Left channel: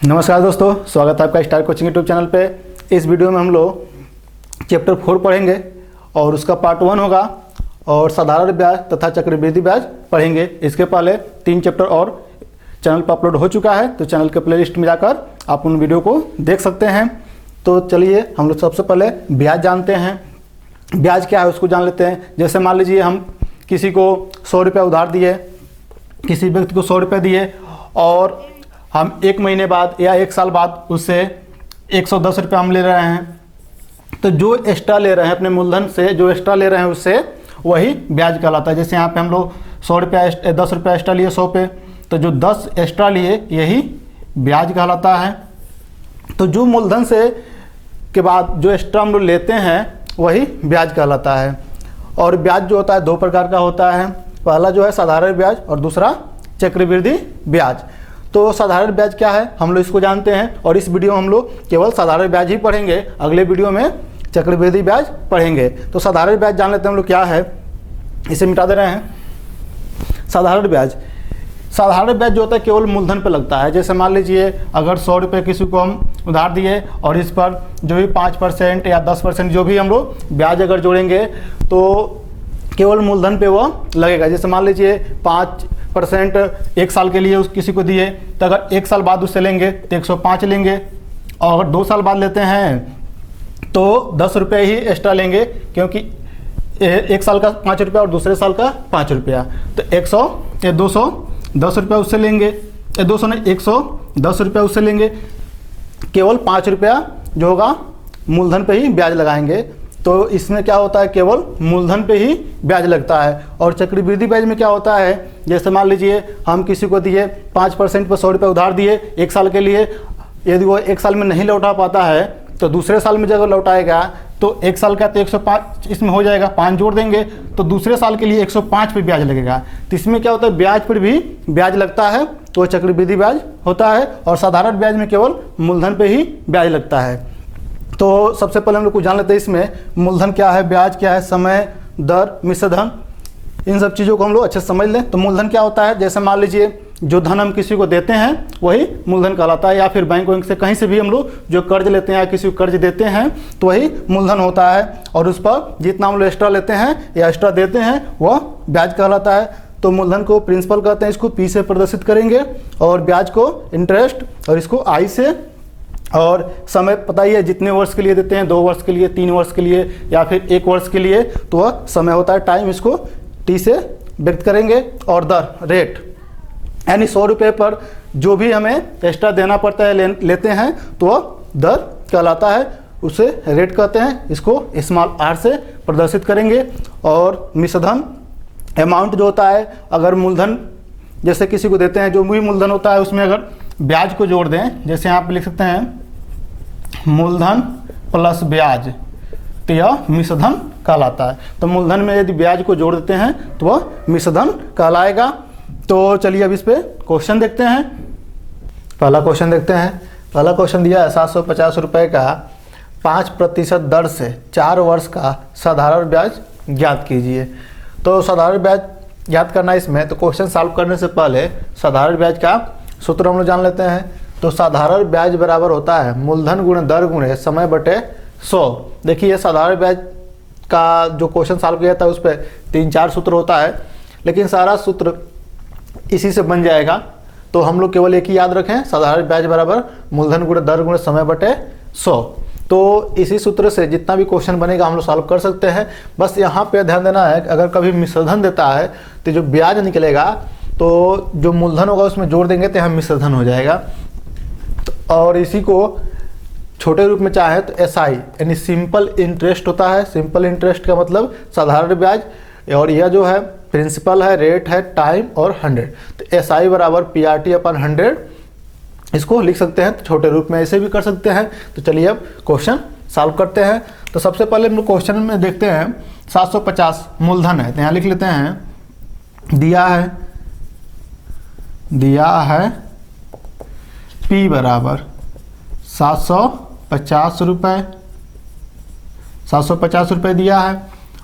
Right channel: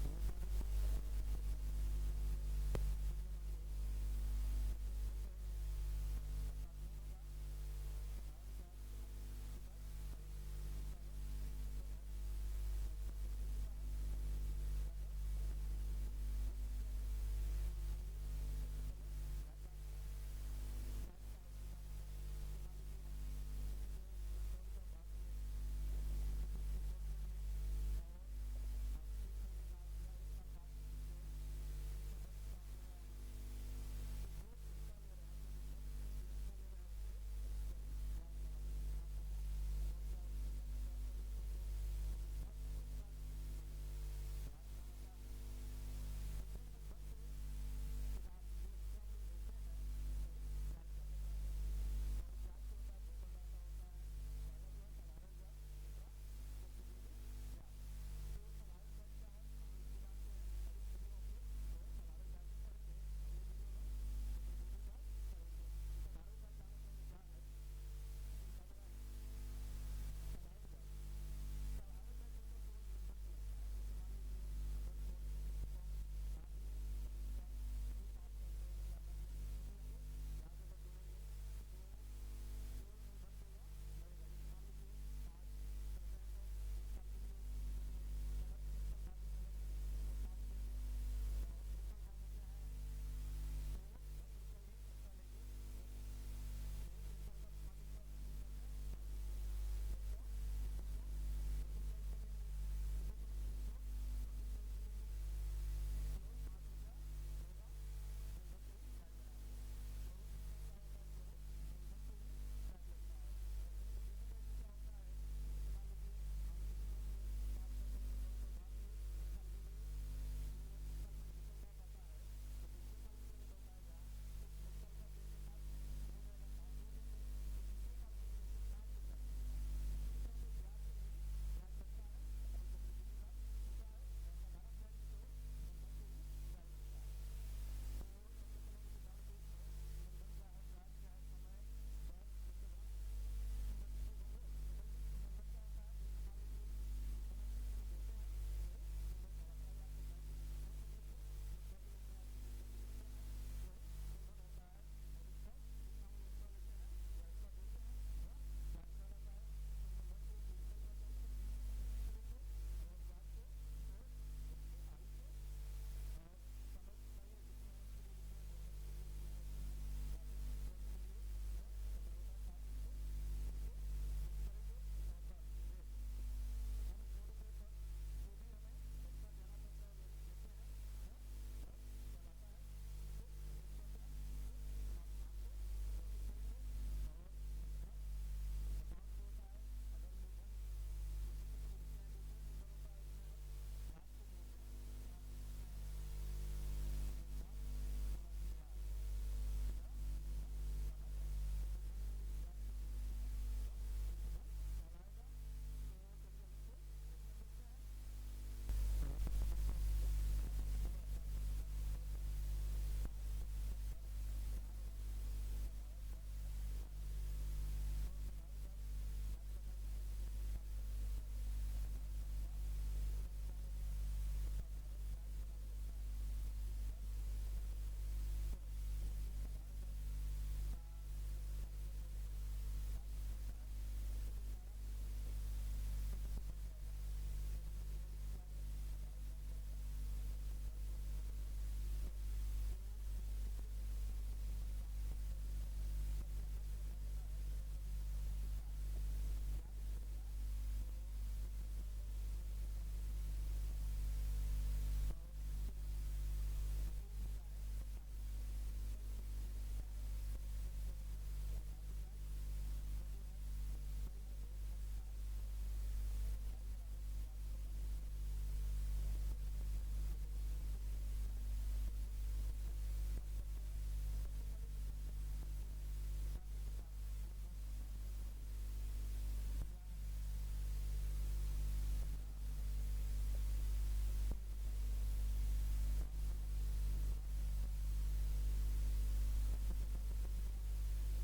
नमस्कार दोस्तों, स्वागत है आपका स्टार कोचिंग यूट्यूब चैनल पे। इस वीडियो में हम लोग चैप्टर 4 पढ़ेंगे और उसका पार्ट 1 होगा और साधारण ब्याज तथा चक्रवृद्धि ब्याज पढ़ेंगे। इसके पहले 3 चैप्टर और चैनल पर अपलोड हो चुका है, तो चैनल के प्लेलिस्ट में जाकर आप उन वीडियो को देख सकते हैं। तो चलिए हम लोग सबसे पहले ब्याज जानते हैं। ब्याज क्या है उसको जान लेते हैं। जैसे मान लीजिए हम किसी को 100 रुपये उधार दिए, किसी व्यक्ति को 100 रुपये दिए और हम 1 महीने बाद या 1 साल बाद उससे 110 रुपये हम ले रहे हैं, तो जो एक्स्ट्रा ले रहे हैं अपने मूलधन से, जो एक्स्ट्रा ले रहे हैं उससे वही ब्याज कहलाता है। जैसे यहाँ पे हम लोग 100 रुपया 10 रुपया एक्स्ट्रा लिए 100 पे, तो जो 10 एक्स्ट्रा लिए यही ब्याज कहलाता है। तो जो मूलधन से के बाद जो एक्स्ट्रा हम लोग लेते हैं वही ब्याज कहलाता है। और ब्याज जो होता है 2 प्रकार का होता है। पहला जो है साधारण ब्याज और दूसरा चक्रवृद्धि ब्याज। तो साधारण ब्याज क्या है हम लोग इसको जानते हैं और इस वीडियो में हम लोग केवल साधारण ब्याज ही पढ़ेंगे, अगले वीडियो में चक्रवृद्धि ब्याज पढ़ेंगे। तो साधारण ब्याज जान लेते हैं हम लोग क्या है, इसे मिटा दे रहे हैं। साधारण ब्याज जो होता है केवल मूलधन पर लगता है। जैसे मान लीजिए अगर 100 रुपये किसी को हम उधार दिए और इस पर जो भी 5% या 10% जो भी हम लोग ब्याज अगर जोड़ेंगे तो केवल मूलधन पे वो लगेगा। जैसे मान लीजिए 5% 1 साल के लिए उस किसी को दिए, तो अगर 1 साल बाद उससे लेंगे तो 105 लेंगे, और अगर 2 साल बाद लेते हैं तो 10 रुपये ही एक्स्ट्रा लेंगे, क्योंकि 1 साल का 5 रुपया और दूसरे साल का 5 रुपया, तो 210 रुपया उससे लेंगे, 200 नहीं 110 रुपया उससे लेंगे। केवल 5 रुपया जो होगा मूलधन पे ही ब्याज लगाएंगे। तो इसमें क्या होता है, केवल मूलधन पे ही ब्याज लगता है। और चक्रवृद्धि ब्याज में क्या होता है, जैसे मान लीजिए हम किसी को दिए 5% पर 100 रुपये उधार दिए 1 साल के लिए, यदि वो 1 साल में नहीं लौटा पाता है तो दूसरे साल में जब लौटाएगा तो 1 साल का तो 105 इसमें हो जाएगा, 5 जोड़ देंगे तो दूसरे साल के लिए 105 पे ब्याज लगेगा। तो इसमें क्या होता है, ब्याज पर भी ब्याज लगता है, तो चक्रवृद्धि ब्याज होता है। और साधारण ब्याज में केवल मूलधन पे ही ब्याज लगता है। तो सबसे पहले हम लोग कुछ जान लेते हैं इसमें मूलधन क्या है, ब्याज क्या है, समय, दर, मिश्र धन, इन सब चीज़ों को हम लोग अच्छे से समझ लें। तो मूलधन क्या होता है, जैसे मान लीजिए जो धन हम किसी को देते हैं वही मूलधन कहलाता है, या फिर बैंक से कहीं से भी हम लोग जो कर्ज लेते हैं या किसी को कर्ज देते हैं तो वही मूलधन होता है। और उस पर जितना हम लोग एक्स्ट्रा लेते हैं या एक्स्ट्रा देते हैं वह ब्याज कहलाता है। तो मूलधन को प्रिंसिपल कहते हैं, इसको पी से प्रदर्शित करेंगे, और ब्याज को इंटरेस्ट और इसको आई से। और समय पता ही है, जितने वर्ष के लिए देते हैं, 2 वर्ष के लिए, 3 वर्ष के लिए या फिर 1 वर्ष के लिए, तो वह समय होता है, टाइम, इसको टी से व्यक्त करेंगे। और दर, रेट, यानी 100 रुपये पर जो भी हमें एक्स्ट्रा देना पड़ता है लेते हैं तो वह दर कहलाता है, उसे रेट कहते हैं, इसको स्मॉल आर से प्रदर्शित करेंगे। और मिश्र धन अमाउंट जो होता है, अगर मूलधन जैसे किसी को देते हैं जो भी मूलधन होता है उसमें अगर ब्याज को जोड़ दें, जैसे यहाँ पे लिख सकते हैं मूलधन प्लस ब्याज, तो यह मिश्र धन कहलाता है। तो मूलधन में यदि ब्याज को जोड़ देते हैं तो वह मिश्र धन कहलाएगा। तो चलिए अब इस पे क्वेश्चन देखते हैं। पहला क्वेश्चन देखते हैं। पहला क्वेश्चन दिया है 750 रुपये का 5% दर से 4 वर्ष का साधारण ब्याज ज्ञात कीजिए। तो साधारण ब्याज ज्ञात करना इसमें, तो क्वेश्चन सॉल्व करने से पहले साधारण ब्याज का सूत्र हम लोग जान लेते हैं। तो साधारण ब्याज बराबर होता है मूलधन गुणे दर गुणे समय बटे 100। देखिए साधारण ब्याज का जो क्वेश्चन सॉल्व किया था उस पर 3-4 सूत्र होता है, लेकिन सारा सूत्र इसी से बन जाएगा। तो हम लोग केवल एक ही याद रखें, साधारण ब्याज बराबर मूलधन गुणे दर गुणे समय बटे 100। तो इसी सूत्र से जितना भी क्वेश्चन बनेगा हम लोग सॉल्व कर सकते हैं। बस यहाँ पे ध्यान देना है, अगर कभी मिश्रधन देता है तो जो ब्याज निकलेगा तो जो मूलधन होगा उसमें जोड़ देंगे तो यहाँ मिश्रधन हो जाएगा। तो और इसी को छोटे रूप में चाहे तो एसआई यानी सिंपल इंटरेस्ट होता है। सिंपल इंटरेस्ट का मतलब साधारण ब्याज, और यह जो है प्रिंसिपल है, रेट है, टाइम और 100। तो एसआई बराबर PRT/100 इसको लिख सकते हैं। तो छोटे रूप में ऐसे भी कर सकते हैं। तो चलिए अब क्वेश्चन सॉल्व करते हैं। तो सबसे पहले हम लोग क्वेश्चन में देखते हैं 750 मूलधन है, तो यहाँ लिख लेते हैं दिया है P बराबर 750 रुपये, 750 रुपये दिया है।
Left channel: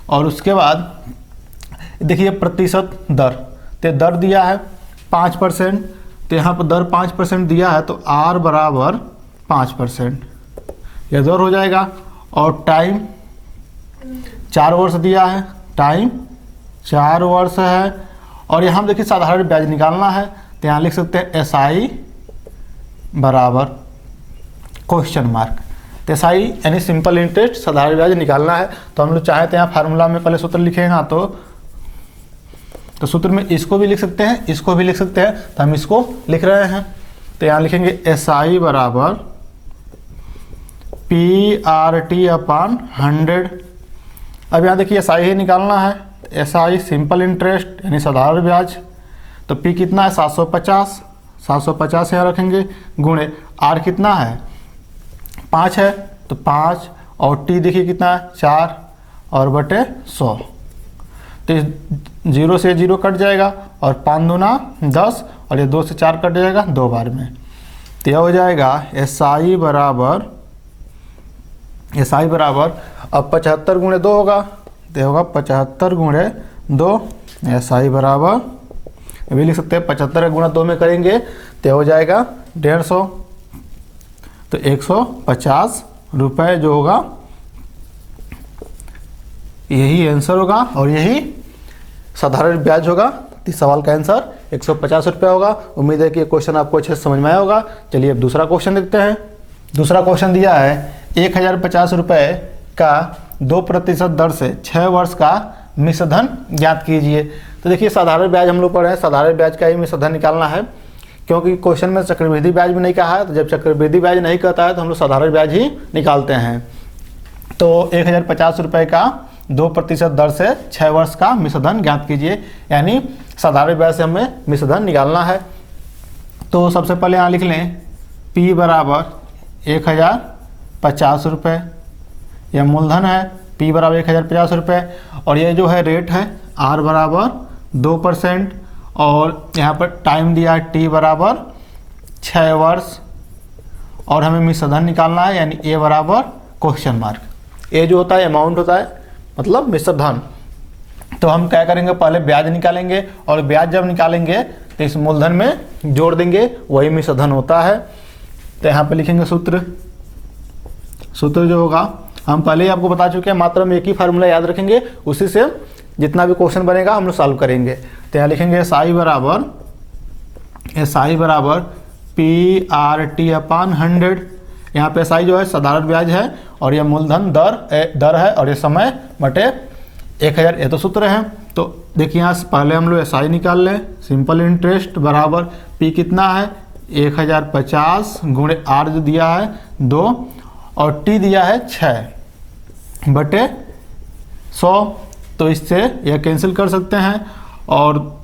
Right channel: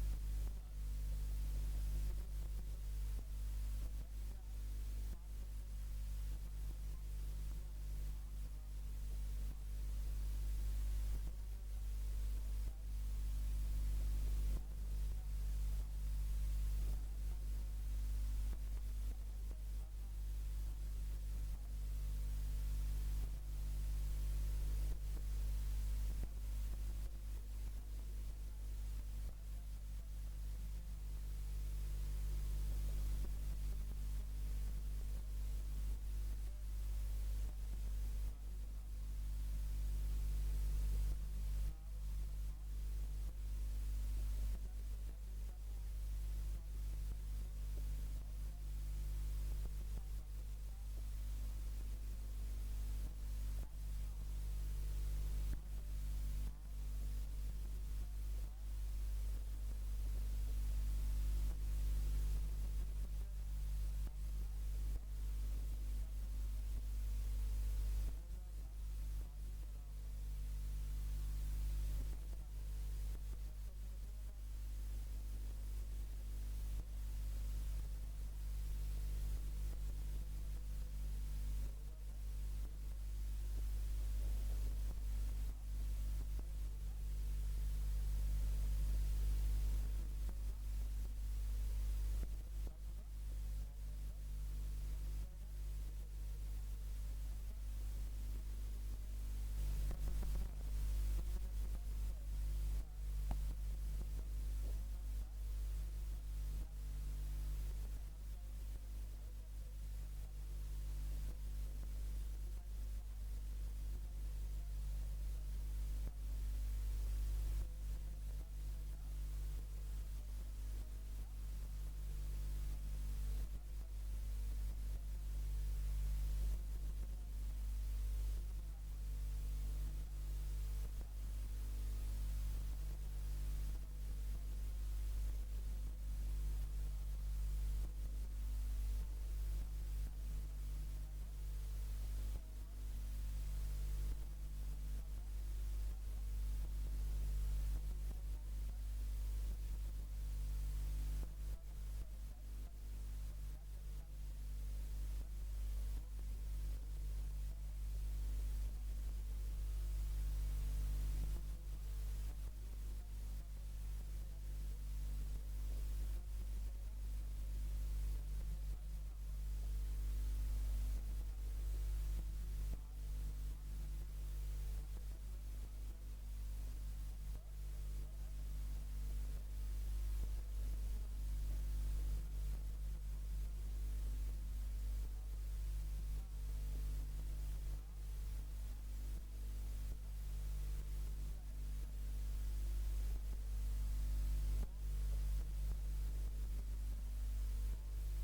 और उसके बाद देखिए प्रतिशत दर, तो दर दिया है 5%, तो यहाँ पर दर 5% दिया है, तो R बराबर 5%, यह दर हो जाएगा। और टाइम 4 वर्ष दिया है, टाइम 4 वर्ष है। और यहाँ देखिए साधारण ब्याज निकालना है, तो यहाँ लिख सकते हैं SI बराबर क्वेश्चन मार्क। तो SI यानी सिंपल इंटरेस्ट, साधारण ब्याज निकालना है। तो हम लोग चाहें तो यहाँ फार्मूला में पहले सूत्र लिखेगा, तो सूत्र में इसको भी लिख सकते हैं, इसको भी लिख सकते हैं, तो हम इसको लिख रहे हैं। तो यहाँ लिखेंगे SI बराबर PRT अपॉन 100। अब यहाँ देखिए SI ही निकालना है, SI सिंपल इंटरेस्ट यानी साधारण ब्याज। तो P कितना है 750, 750 यहाँ रखेंगे, गुणे R कितना है 5 है, तो 5, और T देखिए कितना है 4 और बटे 100। तो 0 से 0 कट जाएगा, और 5 दूना 10, और ये 2 से 4 कट जाएगा 2 बार में। तो यह हो जाएगा SI बराबर अब 75 गुणे 2 होगा, तो होगा 75 गुणे 2। SI बराबर अभी लिख सकते हैं 75 गुणा 2 में करेंगे तो हो जाएगा 150, तो 150 रुपये जो होगा यही आंसर होगा, और यही साधारण ब्याज होगा। तो इस सवाल का आंसर 150 रुपये होगा। उम्मीद है कि ये क्वेश्चन आपको अच्छे से समझ में आया होगा। चलिए अब दूसरा क्वेश्चन देखते हैं। दूसरा क्वेश्चन दिया है 1050 रुपये का 2% दर से 6 वर्ष का मिश्र धन ज्ञात कीजिए। तो देखिए साधारण ब्याज हम लोग पढ़े हैं, साधारण ब्याज का ही मिश्र धन निकालना है, क्योंकि क्वेश्चन में चक्रवृद्धि ब्याज भी नहीं कहा है। तो जब चक्रवृद्धि ब्याज नहीं कहता है तो हम लोग साधारण ब्याज ही निकालते हैं। तो 1050 रुपये का 2% दर से 6 वर्ष का मिश्र धन ज्ञात कीजिए, यानी साधारण ब्याज से हमें मिश्र धन निकालना है। तो सबसे पहले यहाँ लिख लें P बराबर 1050 रुपये, यह मूलधन है। P बराबर 1050 रुपये, और ये जो है रेट है R बराबर 2%, और यहाँ पर टाइम दिया है T बराबर 6 वर्ष, और हमें मिश्र धन निकालना है, यानी A बराबर क्वेश्चन मार्क। A जो होता है अमाउंट होता है, मतलब मिश्र धन। तो हम क्या करेंगे, पहले ब्याज निकालेंगे, और ब्याज जब निकालेंगे तो इस मूलधन में जोड़ देंगे, वही मिश्र धन होता है। तो यहाँ पे लिखेंगे सूत्र जो होगा हम पहले ही आपको बता चुके हैं, मात्र हम एक ही फार्मूला याद रखेंगे, उसी से जितना भी क्वेश्चन बनेगा हम लोग सॉल्व करेंगे। तो यहाँ लिखेंगे SI बराबर PRT अपॉन 100। यहाँ पे SI जो है साधारण ब्याज है, और यह मूलधन दर है, और ये समय बटे 1000, ये तो सूत्र है। तो देखिए यहाँ से पहले हम लोग SI निकाल लें, सिंपल इंटरेस्ट बराबर P कितना है 1050 गुणे R जो दिया है 2, और T दिया है 6 बटे 100। तो इससे यह कैंसिल कर सकते हैं, और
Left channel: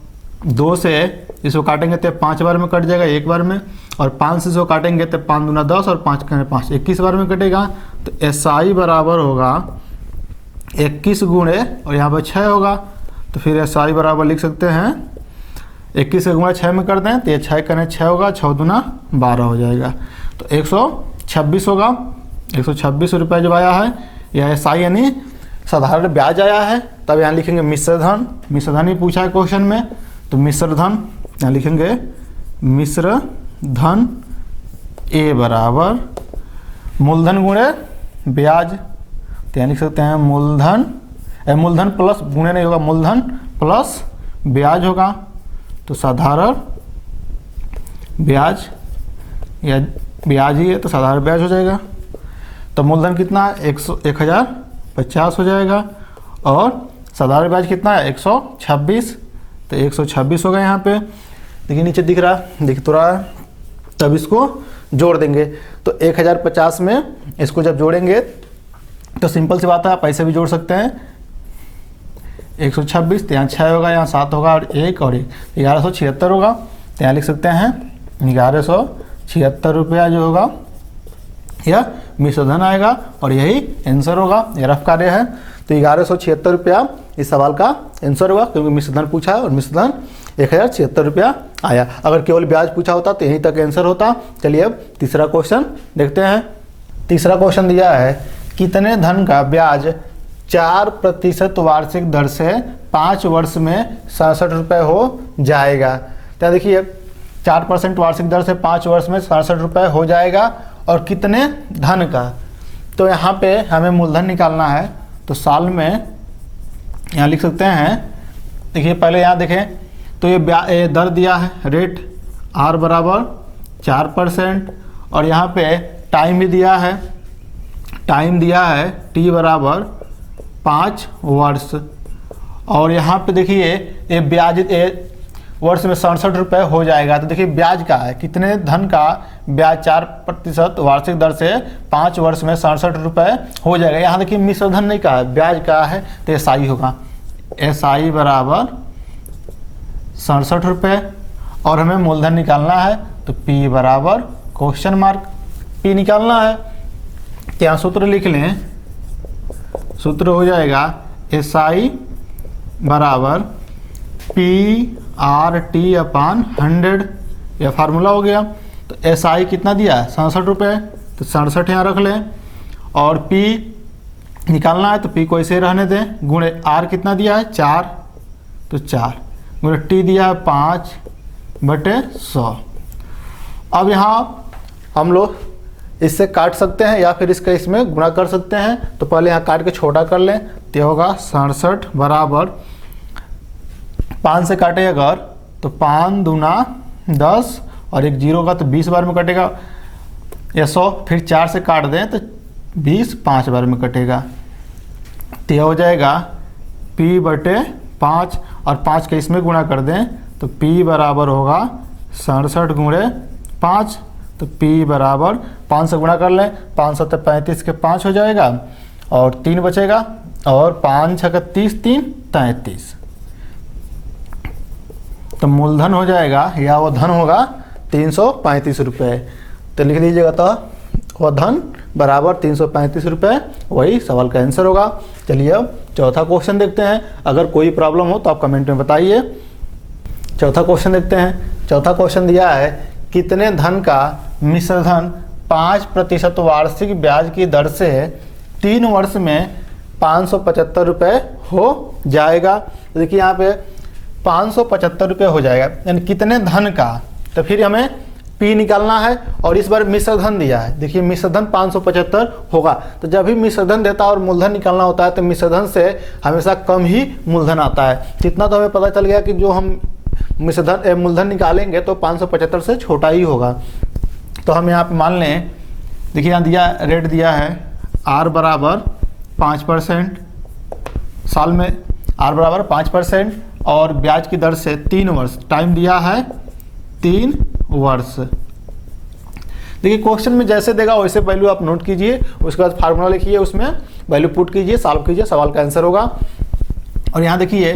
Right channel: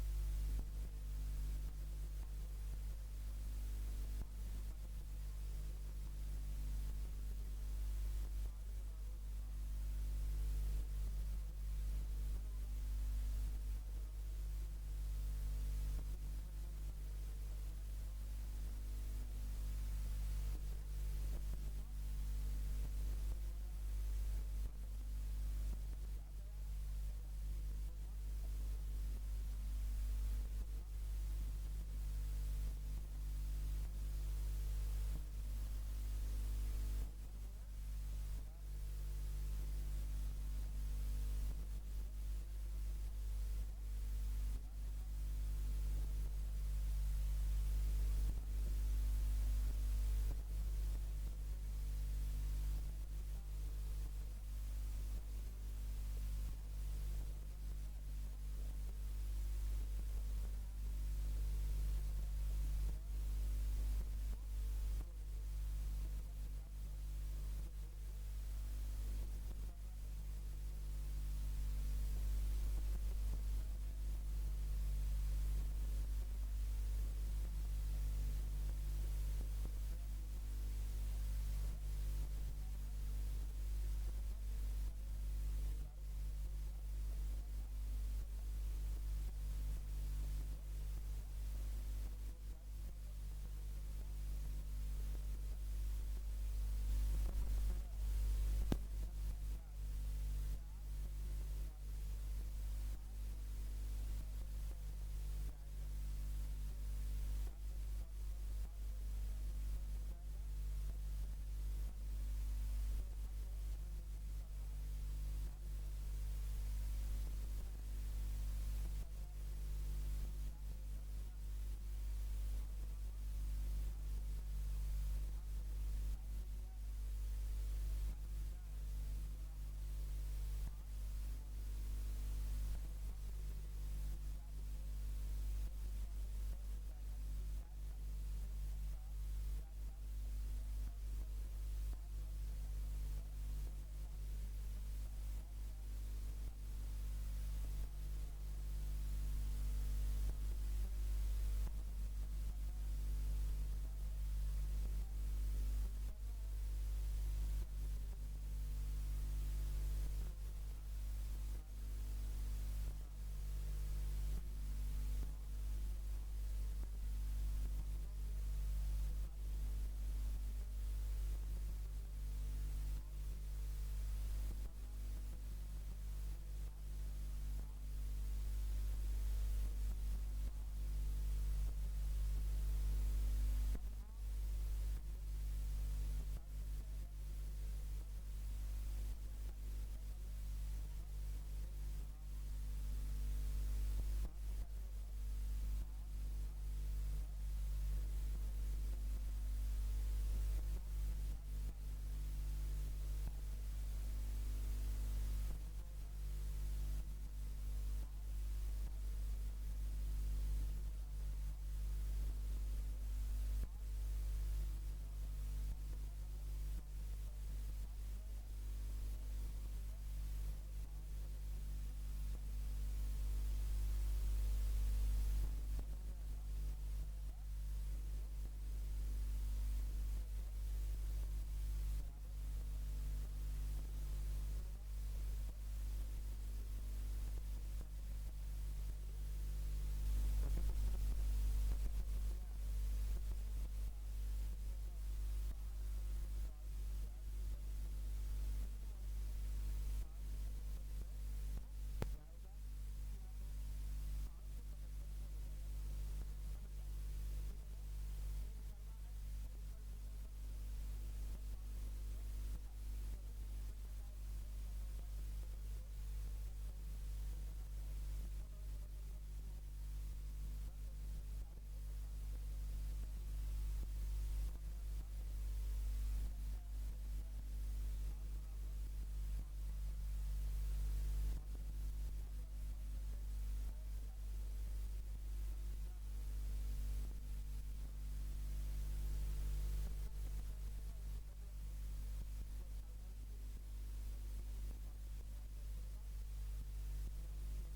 2 से इसको काटेंगे तो 5 बार में कट जाएगा, 1 बार में, और 5 से इसको काटेंगे तो 5 दूना 10, और 5 करें 5, 21 बार में कटेगा। तो SI बराबर होगा 21 गुणे, और यहाँ पर 6 होगा, तो फिर SI बराबर लिख सकते हैं 21 से गुणा 6 में कर दें तो ये 6 करें 6 होगा, 6 दूना 12 हो जाएगा। तो 126 होगा, 126 रुपये जब आया है, यह SI यानी साधारण ब्याज आया है। तब यहाँ लिखेंगे मिश्र धन ही पूछा है क्वेश्चन में, तो मिश्र धन यहाँ लिखेंगे मिश्र धन A बराबर मूलधन गुणे ब्याज। तो यहाँ लिख सकते हैं मूलधन प्लस, गुणे नहीं होगा, मूलधन प्लस ब्याज होगा, तो साधारण ब्याज, या ब्याज ही है तो साधारण ब्याज हो जाएगा। तो मूलधन कितना है 1050 हो जाएगा, और साधारण ब्याज कितना है 126, तो 126 होगा। यहाँ पे देखिए नीचे दिख तो रहा है। तब इसको जोड़ देंगे, तो 1050 में इसको जब जोड़ेंगे तो सिंपल सी बात है, आप ऐसे भी जोड़ सकते हैं। 126, तो यहाँ 6 होगा, यहाँ 7 होगा, और 1 और 1, 1176 होगा। तो यहाँ लिख सकते हैं 1176 रुपया जो होगा यह मिश्र धन आएगा, और यही आंसर होगा। यह रफ कार्य है। तो 1176 रुपया इस सवाल का आंसर होगा, क्योंकि मिश्र धन पूछा है, और मिश्र धन 1076 रुपया आया। अगर केवल ब्याज पूछा होता तो यहीं तक आंसर होता। चलिए अब तीसरा क्वेश्चन देखते हैं। तीसरा क्वेश्चन दिया है कितने धन का ब्याज 4% वार्षिक दर से 5 वर्ष में 67 रुपये हो जाएगा। तो देखिए 4% वार्षिक दर से 5 वर्ष में 67 रुपये हो जाएगा। और कितने धन का, तो यहाँ पे हमें मूलधन निकालना है। तो साल में यहाँ लिख सकते हैं, देखिए पहले यहाँ देखें तो ये दर दिया है रेट R बराबर 4%, और यहाँ पे टाइम भी दिया है, टाइम दिया है T बराबर 5 वर्ष। और यहाँ पे देखिए ये ब्याज वर्ष में 67 रुपये हो जाएगा। तो देखिए ब्याज का है, कितने धन का ब्याज 4% वार्षिक दर से 5 वर्ष में 67 रुपये हो जाएगा। यहाँ देखिए मिश्र धन नहीं का है, ब्याज का है, तो SI होगा, SI बराबर 67 रुपये। और हमें मूलधन निकालना है, तो P बराबर क्वेश्चन मार्क P निकालना है। तो यहाँ सूत्र लिख लें, सूत्र हो जाएगा SI बराबर PRT अपान 100, यह फार्मूला हो गया। तो SI कितना दिया है 67 रुपये, तो 67 यहाँ रख लें। और P निकालना है, तो P को ऐसे रहने दें, गुणे R कितना दिया है 4, तो 4 गुणे T दिया है 5/100। अब यहाँ हम लोग इससे काट सकते हैं या फिर इसका इसमें गुणा कर सकते हैं। तो पहले यहाँ काट के छोटा कर लें, तो होगा 67 बराबर 5 से काटे अगर तो 5 दूना 10 और एक 0 का तो 20 बार में कटेगा, या 100 फिर 4 से काट दें तो 20 5 बार में कटेगा। तो यह हो जाएगा P/5 और 5 के इसमें गुणा कर दें तो P बराबर होगा 67 गुणे 5। तो P बराबर 5 से गुणा कर लें, 5 7 35 के 5 हो जाएगा और 3 बचेगा, और 5 6 30 3 33। तो मूलधन हो जाएगा या वह धन होगा 335 रुपये। तो लिख दीजिएगा, तो वह धन बराबर 335 रुपये, वही सवाल का आंसर होगा। चलिए अब चौथा क्वेश्चन देखते हैं। अगर कोई प्रॉब्लम हो तो आप कमेंट में बताइए। चौथा क्वेश्चन देखते हैं। चौथा क्वेश्चन दिया है, कितने धन का मिश्रधन 5% वार्षिक ब्याज की दर से 3 वर्ष में 575 रुपये हो जाएगा। तो देखिए यहाँ पे 575 रुपये हो जाएगा, यानी कितने धन का। तो फिर हमें P निकालना है, और इस बार मिश्रधन दिया है। देखिए मिश्रधन 575 होगा, तो जब भी मिश्रधन देता है और मूलधन निकालना होता है तो मिश्रधन से हमेशा कम ही मूलधन आता है। इतना तो हमें पता चल गया कि जो हम मूलधन निकालेंगे तो 575 से छोटा ही होगा। तो हम यहाँ पे मान लें, देखिए यहाँ दिया रेट दिया है R बराबर 5%, साल में R बराबर 5% और ब्याज की दर से 3 वर्ष, टाइम दिया है 3 वर्ष। देखिए क्वेश्चन में जैसे देगा वैसे वैल्यू आप नोट कीजिए, उसके बाद फार्मूला लिखिए, उसमें वैल्यू पुट कीजिए, सॉल्व कीजिए, सवाल का आंसर होगा। और यहाँ देखिए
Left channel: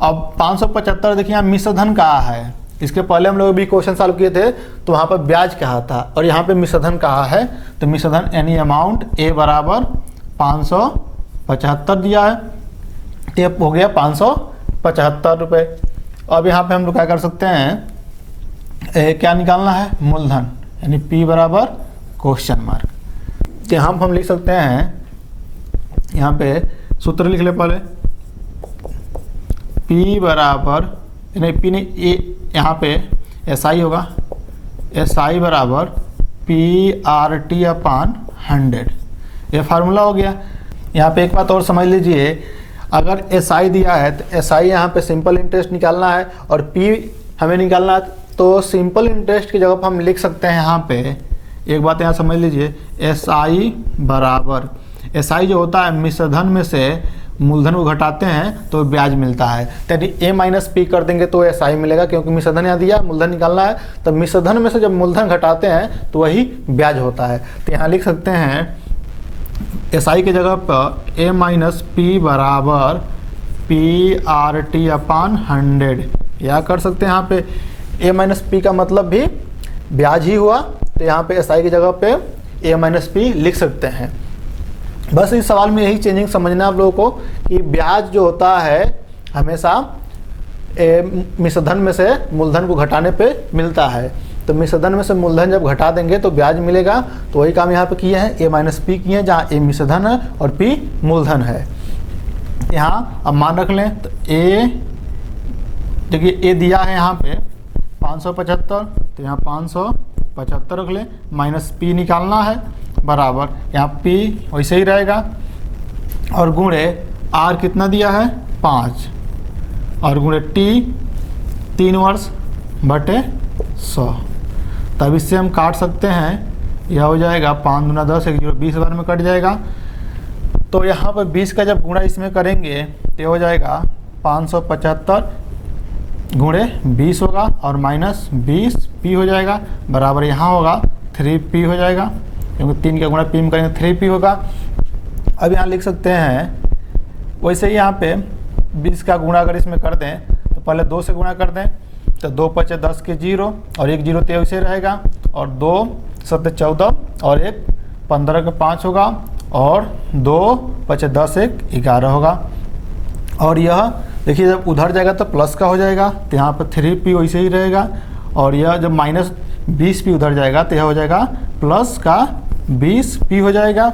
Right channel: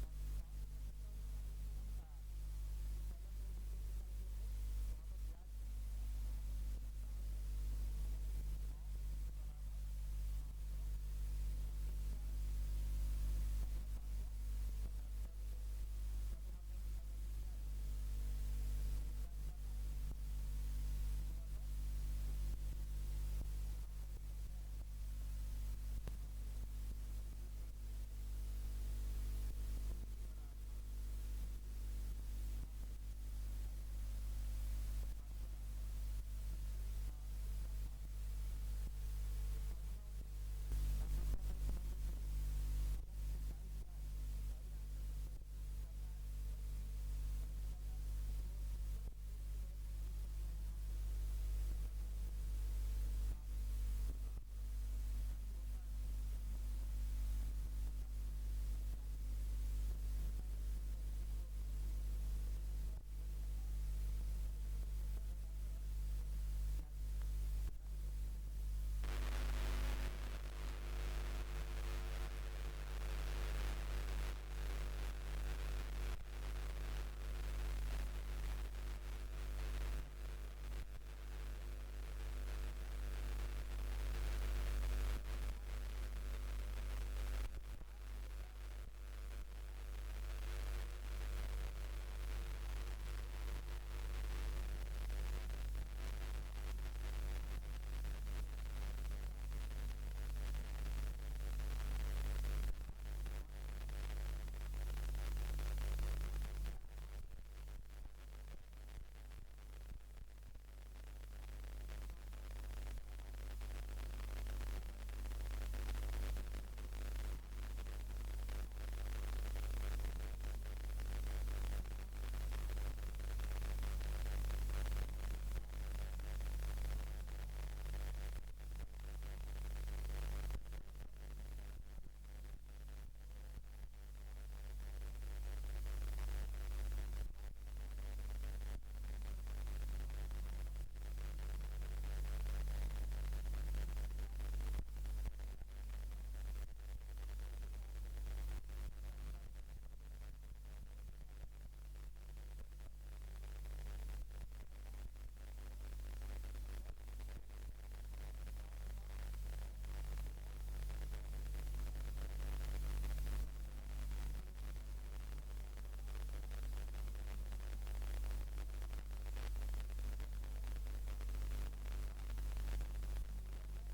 अब 575 देखिए यहाँ मिश्रधन कहा है। इसके पहले हम लोग भी क्वेश्चन सॉल्व किए थे तो वहाँ पर ब्याज कहा था, और यहाँ पे मिश्रधन कहा है। तो मिश्रधन एनी अमाउंट A बराबर 575 दिया है, टेप हो गया 575 रुपये। अब यहाँ पे हम लोग क्या कर सकते हैं, क्या निकालना है, मूलधन, यानी P बराबर क्वेश्चन मार्क। तो यहाँ हम लिख सकते हैं, यहाँ पे सूत्र लिख ले पहले, P बराबर नहीं P नहीं ए, यहाँ पे SI होगा, SI बराबर PRT अपान 100, ये फार्मूला हो गया। यहाँ पे एक बात और समझ लीजिए, अगर SI दिया है तो SI यहाँ पे सिंपल इंटरेस्ट निकालना है और P हमें निकालना है, तो सिंपल इंटरेस्ट की जगह पर हम लिख सकते हैं यहाँ पे, एक बात यहाँ समझ लीजिए, SI बराबर, SI जो होता है मिश्रधन में से मूलधन को घटाते हैं तो ब्याज मिलता है। तो यदि A माइनस P कर देंगे तो SI मिलेगा, क्योंकि मिश्रधन यहाँ दिया, मूलधन निकालना है, तो मिश्रधन में से जब मूलधन घटाते हैं तो वही ब्याज होता है। तो यहाँ लिख सकते हैं SI की जगह पर A माइनस P बराबर PRT अपान 100, या कर सकते हैं यहाँ पे A माइनस P का मतलब भी ब्याज ही हुआ, तो यहाँ पे SI की जगह पे A माइनस P लिख सकते हैं। बस इस सवाल में यही चेंजिंग समझना है आप लोगों को कि ब्याज जो होता है हमेशा मिश्रधन में से मूलधन को घटाने पे मिलता है। तो मिश्रधन में से मूलधन जब घटा देंगे तो ब्याज मिलेगा। तो वही काम यहाँ पे किए हैं, A माइनस P किए हैं, जहाँ A मिश्रधन है और P मूलधन है। यहाँ अब मान रख लें, तो A देखिए A दिया है यहाँ पे 575, तो यहाँ 575 रख लें, माइनस पी निकालना है बराबर यहाँ पी वैसे ही रहेगा, और गुणे आर कितना दिया है 5, और गुणे टी 3 वर्ष बटे 100। तब इससे हम काट सकते हैं, यह हो जाएगा 5 दूना 10, 1 0 20 बार में कट जाएगा। तो यहाँ पर 20 का जब गुणा इसमें करेंगे तो हो जाएगा 575 गुणे 20 होगा, और माइनस 20 पी हो जाएगा बराबर यहाँ होगा 3p हो जाएगा, क्योंकि 3 का गुणा पी में करेंगे 3p होगा। अब यहाँ लिख सकते हैं वैसे ही यहाँ पे 20 का गुणा अगर इसमें कर दें तो पहले 2 से गुणा कर दें, तो 2 पचे 10 के 0, और 1 0 तो वैसे रहेगा, और 2 7 14, और 1 15 के 5 होगा, और 2 पचे 10 1 11 होगा। और यह देखिए जब उधर जाएगा तो प्लस का हो जाएगा, तो यहाँ पर 3p वैसे ही रहेगा, और यह जब माइनस 20p उधर जाएगा तो यह हो जाएगा प्लस का 20p हो जाएगा।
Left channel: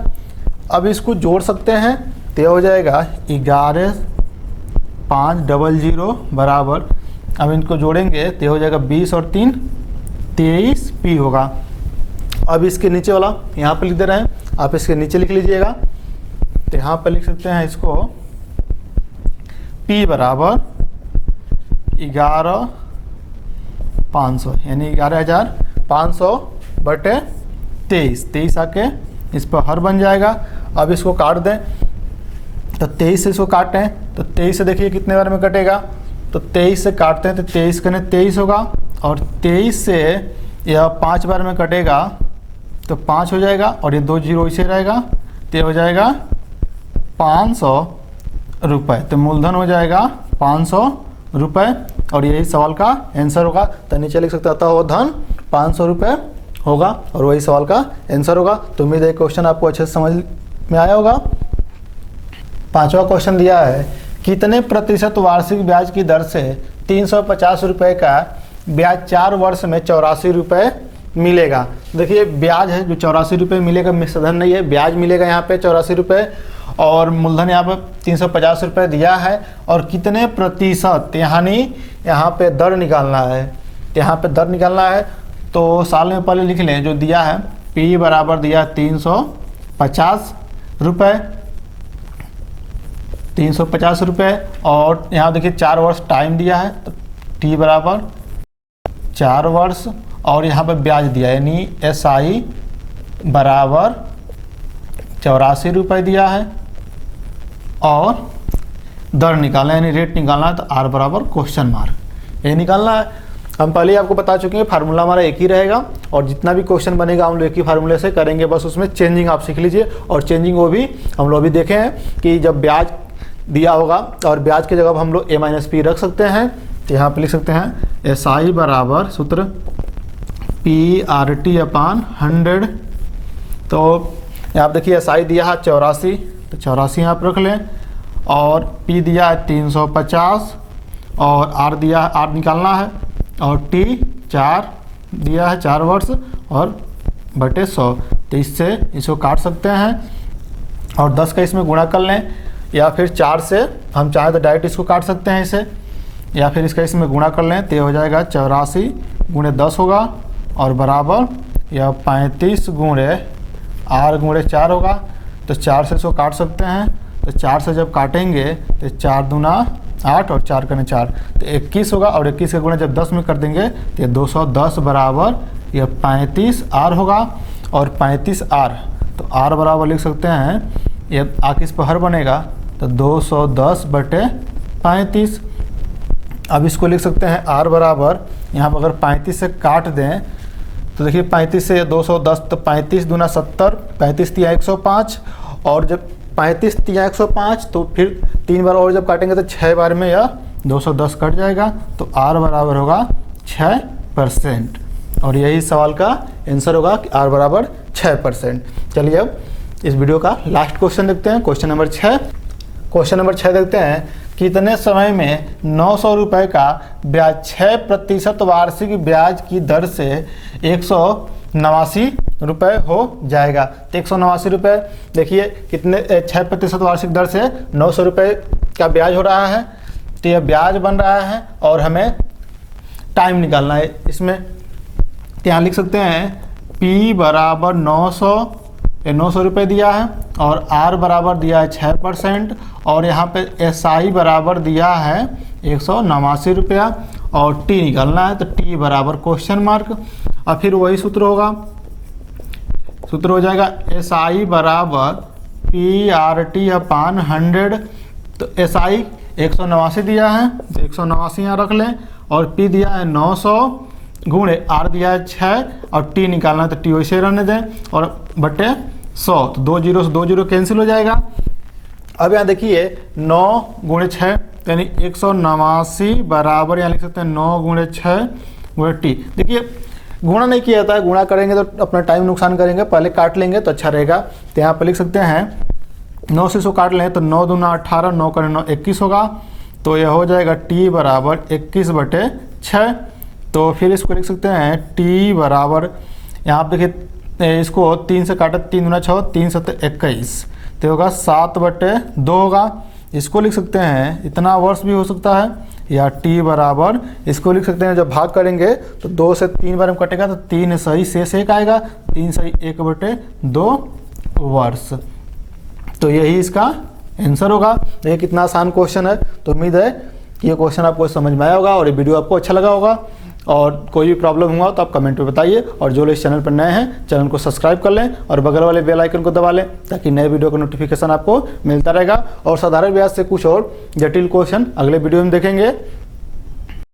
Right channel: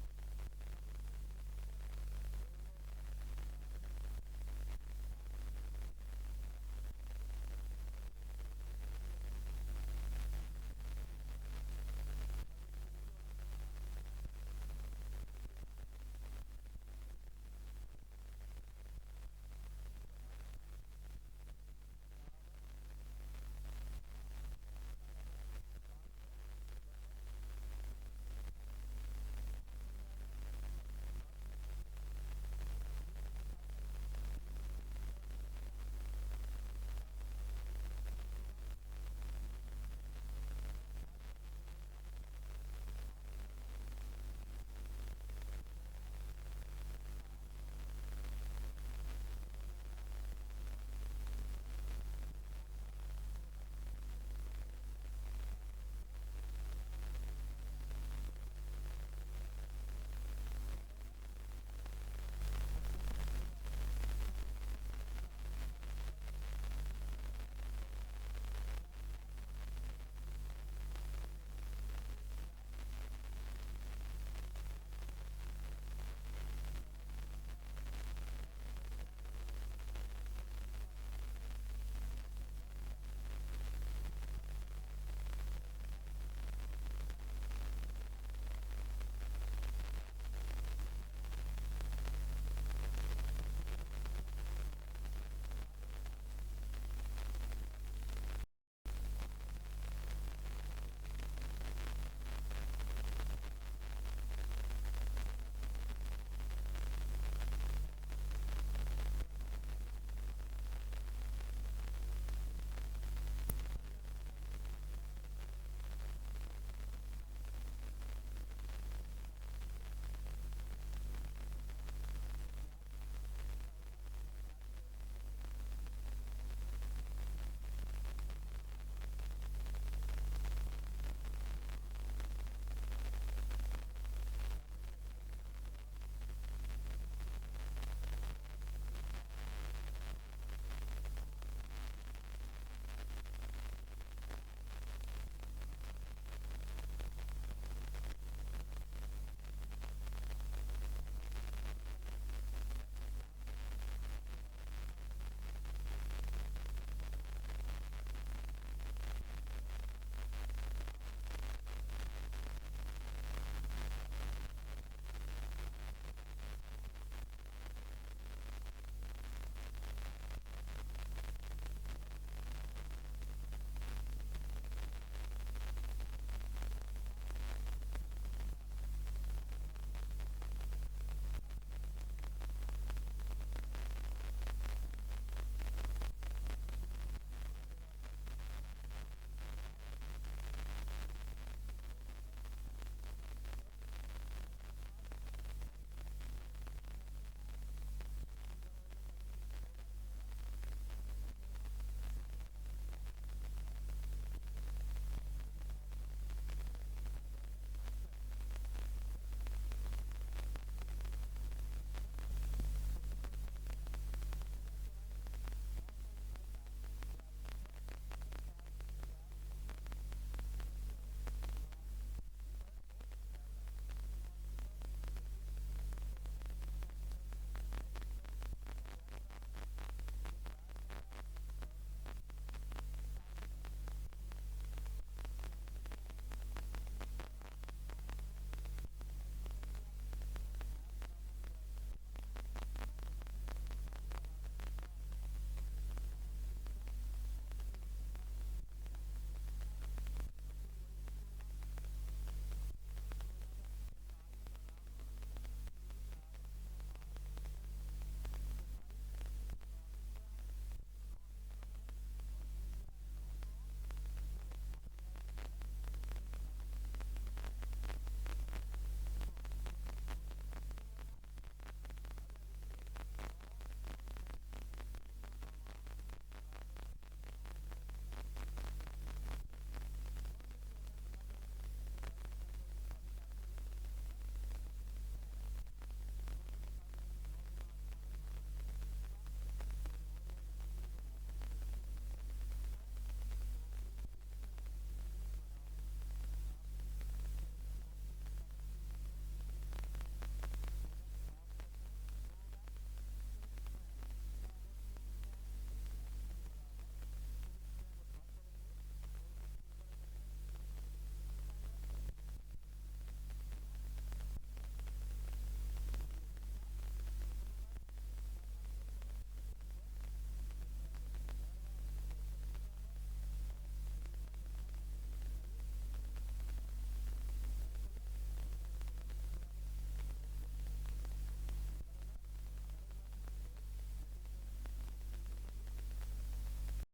अब इसको जोड़ सकते हैं, तो यह हो जाएगा 11500 बराबर, अब इनको जोड़ेंगे तो हो जाएगा 20 और 3 23p होगा। अब इसके नीचे वाला यहाँ पर लिख दे रहे हैं, आप इसके नीचे लिख लीजिएगा, तो यहाँ पर लिख सकते हैं इसको p बराबर 11500 यानी 11500 बटे 23 आके इस पर हर बन जाएगा। अब इसको काट दें, तो 23 से इसको काटें तो 23 से देखिए कितने बार में कटेगा, तो 23 से काटते हैं तो 23 कने 23 होगा, और 23 से यह 5 बार में कटेगा तो 5 हो जाएगा, और ये 2 0 इसे रहेगा, तो ये हो जाएगा 500 रुपये। तो मूलधन हो जाएगा 500 रुपये, और यही सवाल का आंसर होगा। तो नीचे लिख सकते अतः वो धन 500 रुपये होगा, और वही सवाल का आंसर होगा। तो उम्मीद है क्वेश्चन आपको अच्छे से समझ में आया होगा। 5वां क्वेश्चन दिया है, कितने प्रतिशत वार्षिक ब्याज की दर से 350 रुपये का ब्याज 4 वर्ष में 84 रुपये मिलेगा। देखिए ब्याज है जो 84 रुपये मिलेगा, मिश्रधन नहीं है, ब्याज मिलेगा यहाँ पे 84 रुपये, और मूलधन यहाँ पे 350 रुपये दिया है, और कितने प्रतिशत यानी यहाँ पे दर निकालना है, यहाँ पे दर निकालना है। तो साल में पहले लिख लें जो दिया है, P बराबर दिया 350 रुपये, 350 रुपये, और यहाँ देखिए 4 वर्ष टाइम दिया है, तो T बराबर 4 वर्ष, और यहाँ पर ब्याज दिया है यानी SI बराबर 84 रुपये दिया है, और दर निकालना यानी रेट निकालना है, तो R बराबर क्वेश्चन मार्क ये निकालना है। हम पहले ही आपको बता चुके हैं फार्मूला हमारा एक ही रहेगा, और जितना भी क्वेश्चन बनेगा हम लोग एक ही फार्मूले से करेंगे, बस उसमें चेंजिंग आप सीख लीजिए। और चेंजिंग वो भी हम लोग भी देखे हैं कि जब ब्याज दिया होगा और ब्याज की जगह हम लोग a-p रख सकते हैं, तो यहाँ पे लिख सकते हैं SI बराबर सूत्र PRT/100। तो यहाँ पे देखिए SI दिया है 84, तो 84 यहाँ पर रख लें, और P दिया है 350, और R दिया है, R निकालना है, और T 4 दिया है 4 वर्ष, और बटे 100। तो इससे इसको काट सकते हैं, और 10 का इसमें गुणा कर लें, या फिर 4 से हम चाहें तो डायरेक्ट इसको काट सकते हैं इसे, या फिर इसका इसमें गुणा कर लें, तो ये हो जाएगा 84 गुणे 10 होगा, और बराबर यह 35 गुणे R गुणे 4 होगा। तो 4 से इसको काट सकते हैं, तो 4 से जब काटेंगे तो 4 दूना 8, और 4 कने 4, तो 21 होगा, और 21 का गुणा जब 10 में कर देंगे तो ये 210 बराबर यह 35R होगा, और 35R, तो R बराबर लिख सकते हैं, ये आके इस पर हर बनेगा, तो 210 बटे 35। अब इसको लिख सकते हैं R बराबर, यहाँ पर अगर 35 से काट दें तो देखिए 35 से 210, तो 35 दूना 70, 35 तिया 105, और जब 35 तिया 105 तो फिर 3 बार और जब काटेंगे तो 6 बार में यह 210 कट जाएगा, तो R बराबर होगा 6%, और यही सवाल का आंसर होगा कि R बराबर 6%। चलिए अब इस वीडियो का लास्ट क्वेश्चन देखते हैं, क्वेश्चन नंबर 6। क्वेश्चन नंबर 6 देखते हैं, कितने समय में 900 रुपये का ब्याज 6% वार्षिक ब्याज की दर से 189 रुपये हो जाएगा। तो 189 रुपये देखिए कितने 6% वार्षिक दर से 900 रुपये का ब्याज हो रहा है, तो यह ब्याज बन रहा है, और हमें टाइम निकालना है इसमें। तो यहाँ लिख सकते हैं P बराबर 900 रुपये दिया है और R बराबर दिया है 6% और यहाँ पे SI बराबर दिया है 189 रुपया और T निकालना है। तो T बराबर क्वेश्चन मार्क। और फिर वही सूत्र होगा, सूत्र हो जाएगा SI बराबर PRT अपान 100। तो SI 189 दिया है तो 189 यहाँ रख लें और P दिया है 900 गुणे R दिया है 6 और T निकालना है। तो T वैसे रहने दें और बटे 100। तो 2 जीरो से 2 जीरो कैंसिल हो जाएगा। अब यहाँ देखिए 9 गुणे 6 यानी 189 बराबर यहाँ लिख सकते हैं 9 गुणे 6 गुणे T। देखिए गुणा नहीं किया जाता है, गुणा करेंगे तो अपना टाइम नुकसान करेंगे, पहले काट लेंगे तो अच्छा रहेगा। तो यहाँ पर लिख सकते हैं 9 से 100 काट लें तो 9 दूना 18, 9 करें 9 21 होगा। तो यह हो जाएगा T बराबर 21 बटे 6। तो फिर इसको लिख सकते हैं T बराबर, यहाँ आप देखिए इसको 3 से काटे 3 दूना 6, 3 7 21, तो होगा 7 बटे 2 होगा। इसको लिख सकते हैं इतना वर्ष भी हो सकता है, या T बराबर इसको लिख सकते हैं जब भाग करेंगे तो 2 से 3 बार में कटेगा तो 3 सही शेष 1 आएगा, 3 सही 1 बटे 2 वर्ष। तो यही इसका आंसर होगा। देखिए कितना आसान क्वेश्चन है। तो उम्मीद है कि ये क्वेश्चन आपको समझ में आया होगा और ये वीडियो आपको अच्छा लगा होगा। और कोई भी प्रॉब्लम हुआ तो आप कमेंट में बताइए और जो लोग इस चैनल पर नए हैं चैनल को सब्सक्राइब कर लें और बगल वाले बेल आइकन को दबा लें ताकि नए वीडियो का नोटिफिकेशन आपको मिलता रहेगा। और साधारण ब्याज से कुछ और जटिल क्वेश्चन अगले वीडियो में देखेंगे।